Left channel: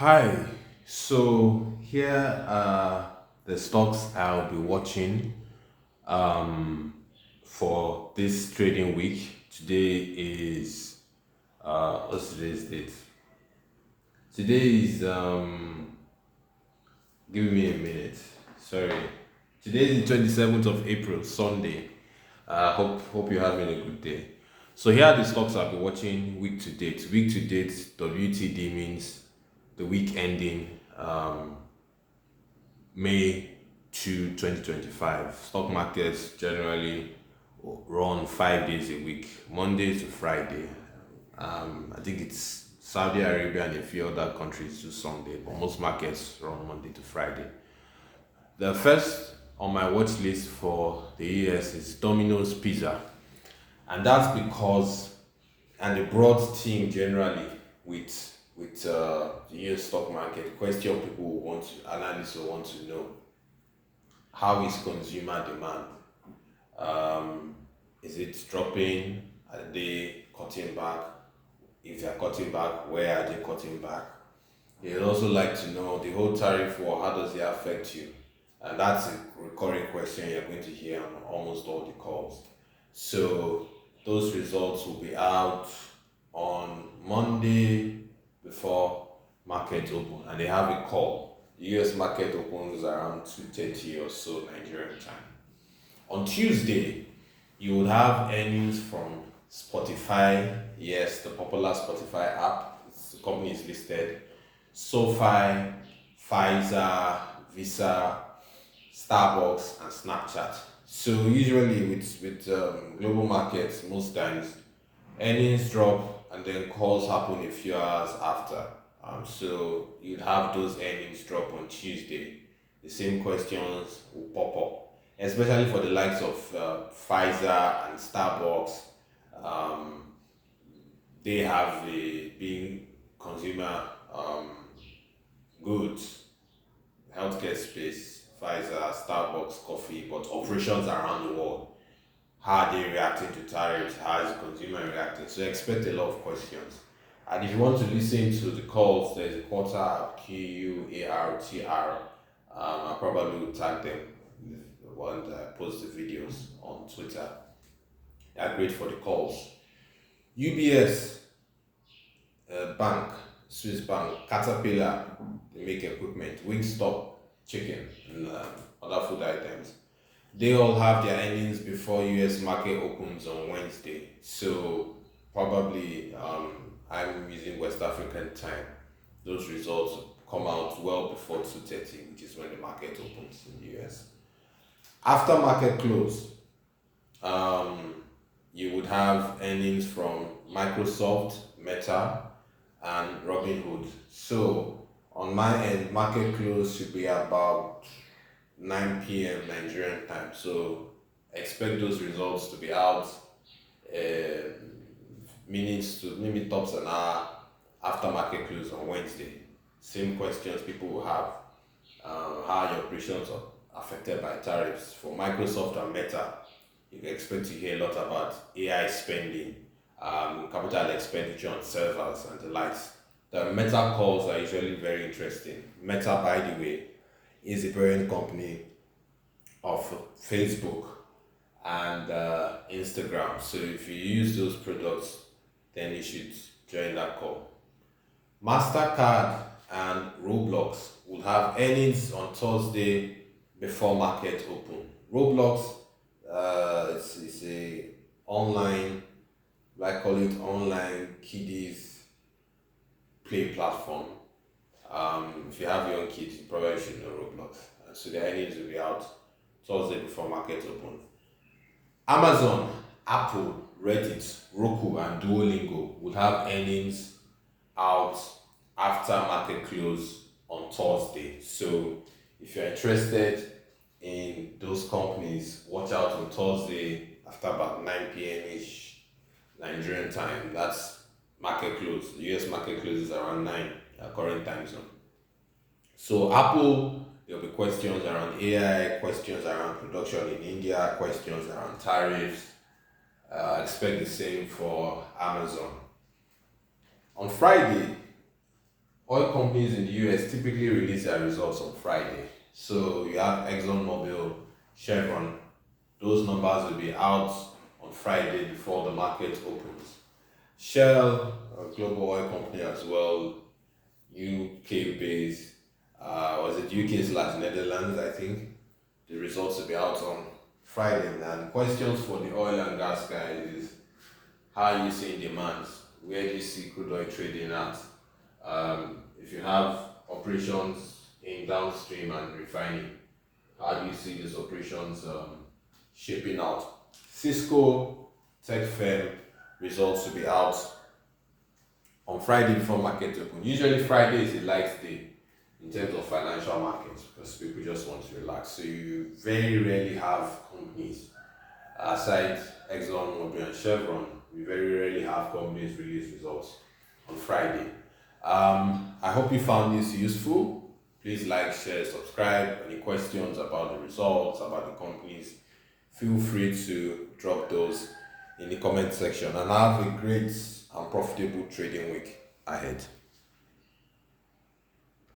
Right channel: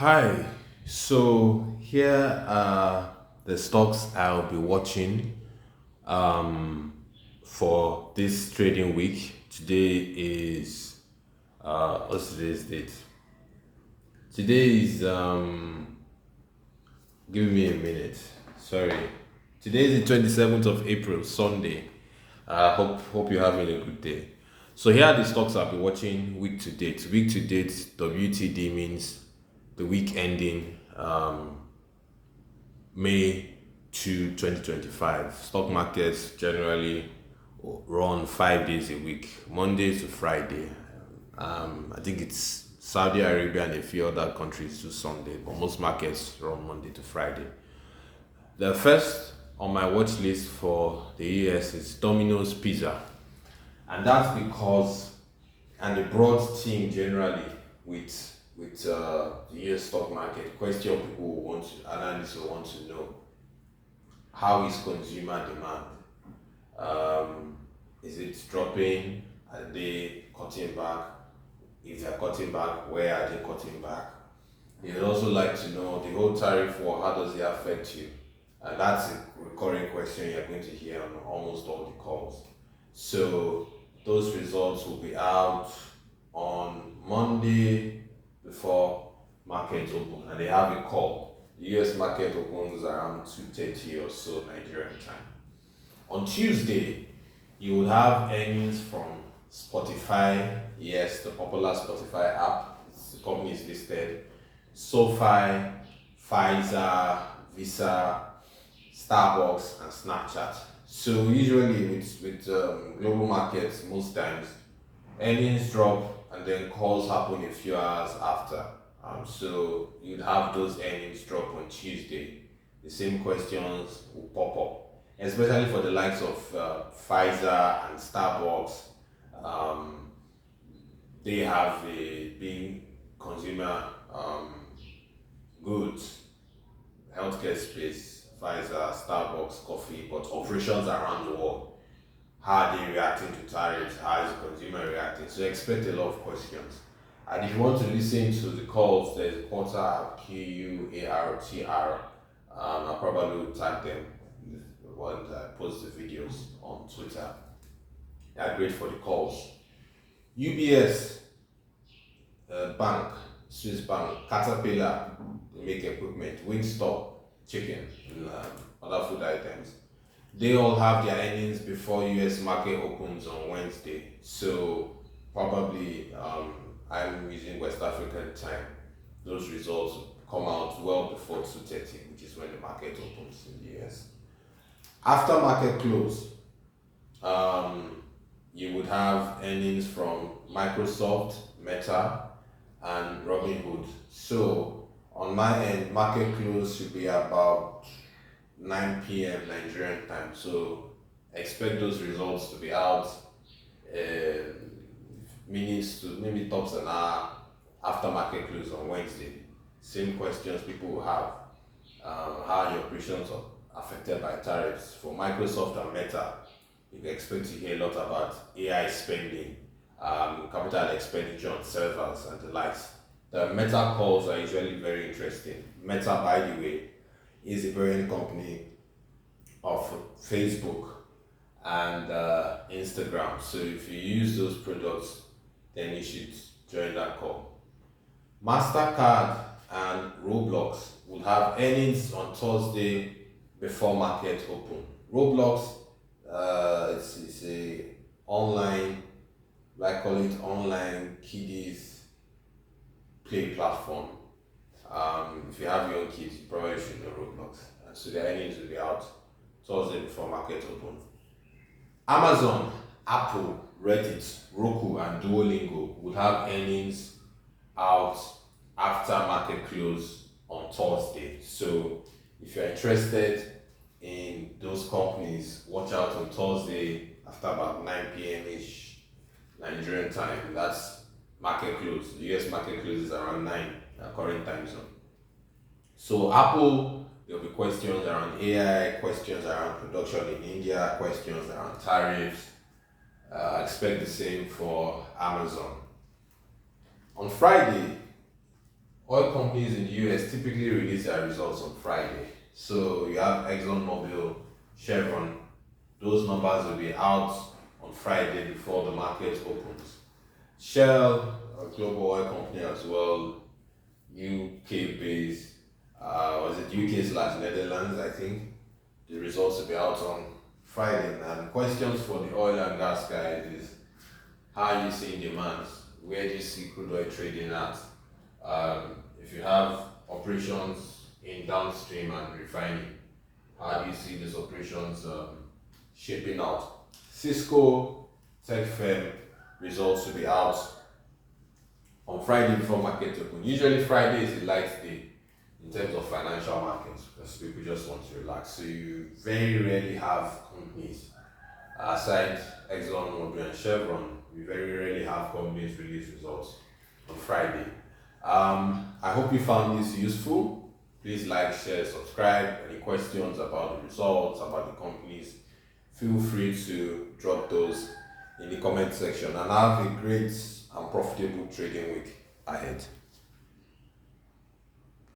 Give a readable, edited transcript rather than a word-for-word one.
Hi, so here are the stocks I'll be watching um, for this trading week. Today is what's today's date? Today is give me a minute. Sorry. Today is the 27th of April, Sunday. Hope you're having a good day. So here are the stocks I'll be watching week to date. Week to date, WTD means the week ending May 2, 2025. Stock markets generally run 5 days a week, Monday to Friday. I think it's Saudi Arabia and a few other countries do Sunday, but most markets run Monday to Friday. The first on my watch list for the US is Domino's Pizza, and that's because, and the broad theme generally with the US stock market question people will want to, analysts will want to know, how is consumer demand? Um, is it dropping? Are they cutting back? If they're cutting back, where are they cutting back? They'd also like to know the whole tariff war, how does it affect you? And that's a recurring question you're going to hear on almost all the calls. So those results will be out on Monday before market open, and they have a call. The US market opens around 2:30 or so Nigerian time. On Tuesday, you would have earnings from Spotify, yes, the popular Spotify app. The company is listed. Sofi, Pfizer, Visa, Starbucks, and Snapchat. So usually with global markets, most times earnings drop and then calls happen a few hours after. So you'd have those earnings drop on Tuesday. The same questions will pop up, especially for the likes of Pfizer and Starbucks. Um, they have a big consumer goods, healthcare space, Pfizer, Starbucks, coffee, but operations around the world. How are they reacting to tariffs? How is the consumer reacting? So expect a lot of questions. And if you want to listen to the calls, there's a portal QUARTR. I probably will tag them when I post the videos on Twitter. They're great for the calls. UBS Bank, Swiss Bank, Caterpillar, they make equipment, Wingstop, chicken, and other food items. They all have their earnings before US market opens on Wednesday. So probably I'm using West African time. Those results come out well before 2:30, which is when the market opens in the US. After market close, um, you would have earnings from Microsoft, Meta, and Robinhood. So on my end, market close should be about 9 p.m. Nigerian time. So expect those results to be out uh, minutes to maybe tops an hour after market close on Wednesday. Same questions people will have. How are your operations are affected by tariffs? For Microsoft and Meta, you can expect to hear a lot about AI spending, capital expenditure on servers and the likes. The Meta calls are usually very interesting. Meta, by the way, is the parent company of Facebook and Instagram. So if you use those products, then you should join that call. MasterCard and Roblox will have earnings on Thursday before market open. Roblox, it's a online, like call it online kiddies play platform. If you have young kids, you probably should know Roblox. So the earnings will be out Thursday before market open. Amazon, Apple, Reddit, Roku, and Duolingo will have earnings out after market close on Thursday. So if you're interested in those companies, watch out on Thursday after about 9 p.m. ish Nigerian time. That's market close. The US market closes around 9 current time zone. So Apple, there'll be questions around AI, questions around production in India, questions around tariffs. Expect the same for Amazon. On Friday, Oil companies in the US typically release their results on Friday. So you have ExxonMobil, Chevron, those numbers will be out on Friday before the market opens. Shell, a global oil company as well, UK based, was it UK slash Netherlands, I think. The results will be out on Friday. And questions for the oil and gas guys is how are you seeing demands? Where do you see crude oil trading at? If you have operations in downstream and refining, how do you see these operations shaping out? Cisco tech firm results will be out on Friday before market open. Usually Friday is a light day in terms of financial markets because people just want to relax. So you very rarely have companies aside Exxon, Mobil, and Chevron. We very rarely have companies release results on Friday. I hope you found this useful. Please like, share, subscribe. Any questions about the results, about the companies, feel free to drop those in the comment section. And have a great and profitable trading week ahead.